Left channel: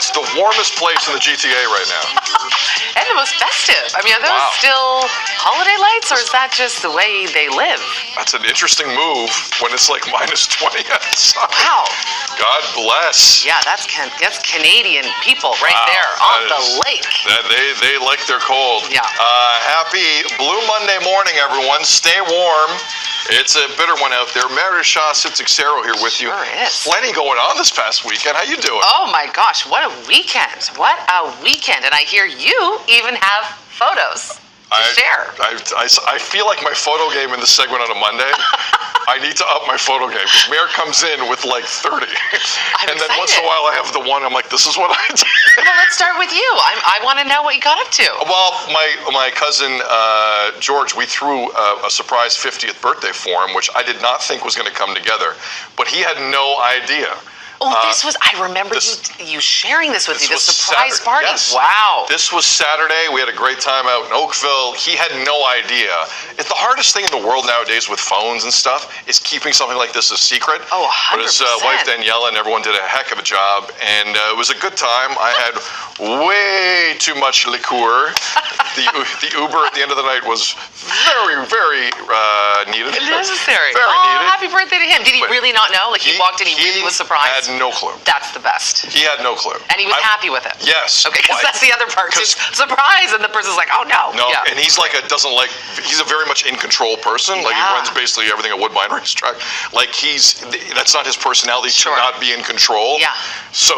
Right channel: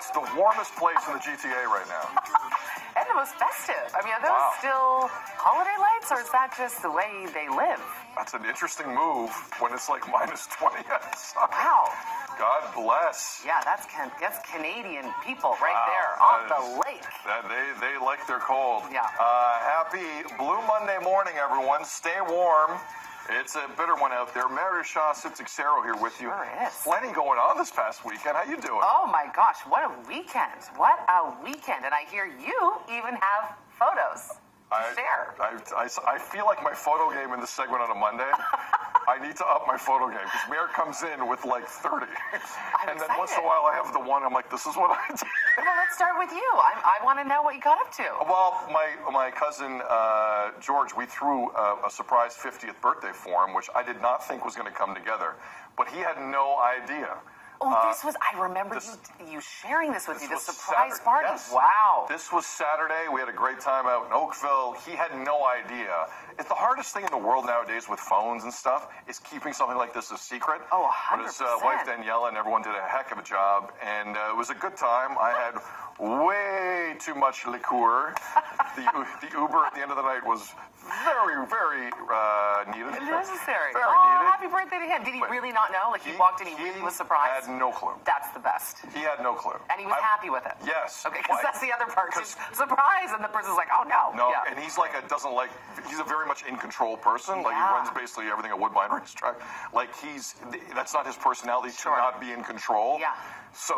Newschat's the warmest place in the GTA right now. And the most festive. I mean, are those still holiday lights, or is that just the way they live? That's an interesting move when it's like -20 outside. Wow. God bless. Yeah, that's Canadian people right there on the lake. They like their cold. Yeah. Happy Blue Monday morning, everyone. Stay warm. It's a bitter one out there. Marisha Sitzixero here with you. Sure is. Plenty going on this past weekend. How you doing? Oh my gosh, what a weekend. What a weekend. And I hear you even have photos to share. I feel like my photo game in this segment on a Monday, I need to up my photo game because Mayor comes in with like 30. I'm then once in a while I have the one, I'm like, this is what I did. Well, let's start with you. I want to know what you got up to. Well, my cousin George, we threw a surprise 50th birthday for him, which I did not think was going to come together, but he had no idea. Oh, I remember you sharing this with me, the surprise party. Yes. Wow. This was Saturday. We had a great time out in Oakville. He had no idea. It's the hardest thing in the world nowadays with phones and stuff is keeping something like this a secret. Oh, 100%. But his wife, Daniela, and everyone did a heck of a job, and it was a good time. I had way too much liqueur. The Uber at the end of the night was very, very needed. Necessary. Very needed. Happy birthday to him. Did he really not know? Like he walked in, he really was surprised? Had no clue. That's the best. He had no clue. And he was happy with it. Yes. Okay, because that's the other part. Just surprise, and the person's like, oh no. No, yeah. and he's like he's a very much in control person. Like he runs basically everything at Woodbine Racetrack. Like that's not his personality to not be in control. Yeah. So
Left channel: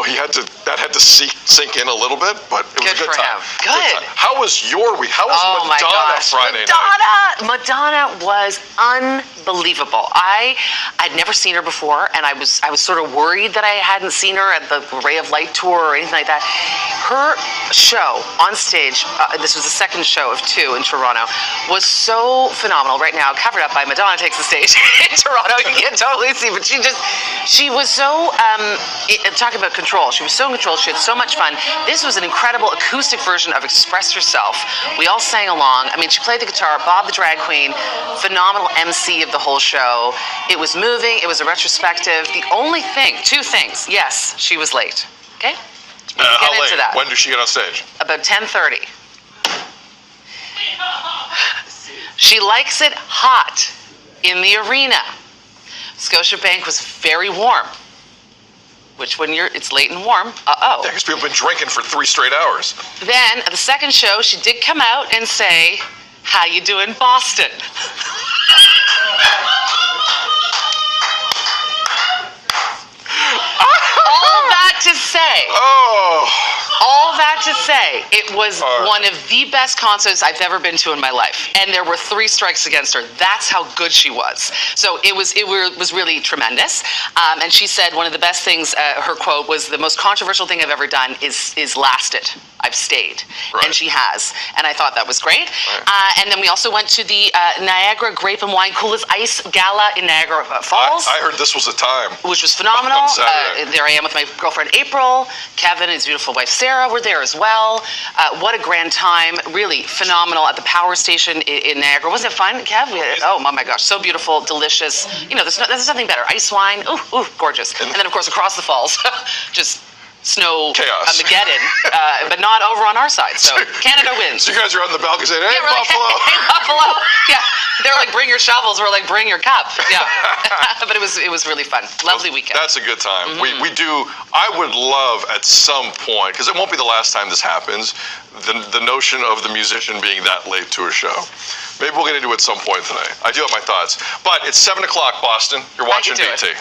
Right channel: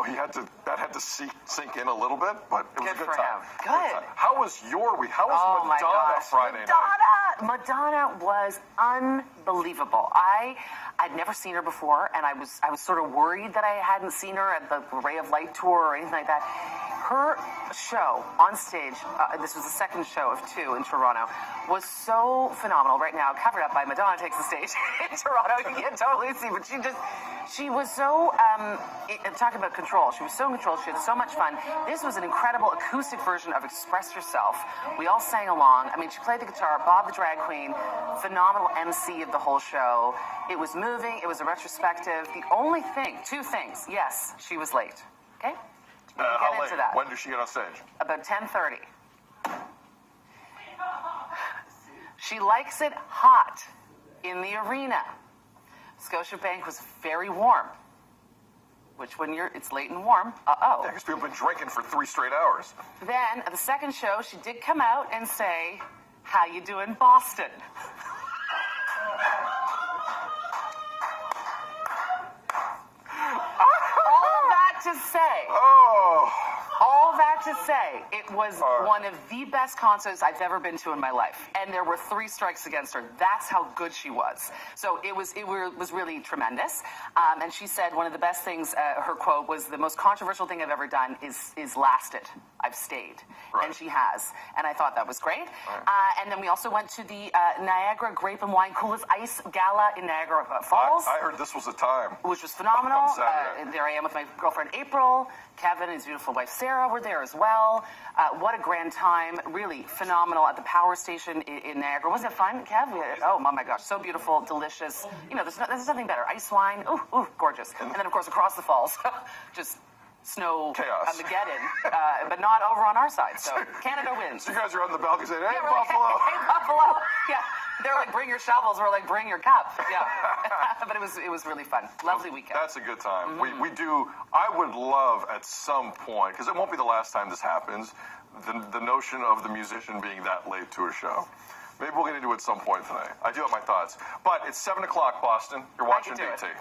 that had to sink in a little bit, but it was a good time. Good. How was your week? How was Madonna Friday night? Madonna was unbelievable. I'd never seen her before, and I was sort of worried that I hadn't seen her at the Ray of Light tour or anything like that. Her show on stage, this was the second show of 2 in Toronto, was so phenomenal. Right now, covered up by Madonna Takes the Stage in Toronto. You can't totally see, but she was so, talking about control, she was so in control. She had so much fun. This was an incredible acoustic version of Express Yourself. We all sang along. I mean, she played the guitar, Bob the Drag Queen, phenomenal MC of the whole show. It was moving. It was a retrospective. The only thing, 2 things. Yes, she was late. Okay? How get late? into that. When did she get on stage? About 10:30. She likes it hot in the arena. Scotiabank was very warm. Which when it's late and warm, Yeah, because people have been drinking for 3 straight hours. Then at the second show, she did come out and say, "How you doing, Boston?" All that to say. All that to say, it was one of the best concerts I've ever been to in my life, and there were 3 strikes against her. That's how good she was. So it was really tremendous. And she said one of the best things. Her quote was, "The most controversial thing I've ever done is lasted. I've stayed," and she has. And I thought that was great. And then we also went to the Niagara Grape and Wine Coolest Ice Gala in Niagara Falls. I heard this was a time. Which was phenomenal. On Saturday. There I am with my girlfriend April. Kevin and his beautiful wife Sarah were there as well. What a grand time. Really phenomenal at the power station in Niagara. Wasn't it fun, Kev? Oh my gosh, so beautiful, delicious. You know, there's nothing better. Ice wine, ooh, gorgeous. And then of course across the falls, just snow chaos. Armageddon, but not over on our side. So Canada wins. So you guys are out in the balcony saying, "Hey, Buffalo." Hey, Buffalo. Yeah. They're like, "Bring your shovels." We're like, "Bring your cup." Yeah. But it was really fun. Lovely weekend. That's a good time. We do. I would love at some point, because it won't be the last time this happens, the notion of the musician being that late to a show. Maybe we'll get into it at some point tonight. I do have my thoughts. But it's 7 o'clock, Boston. You're watching DT.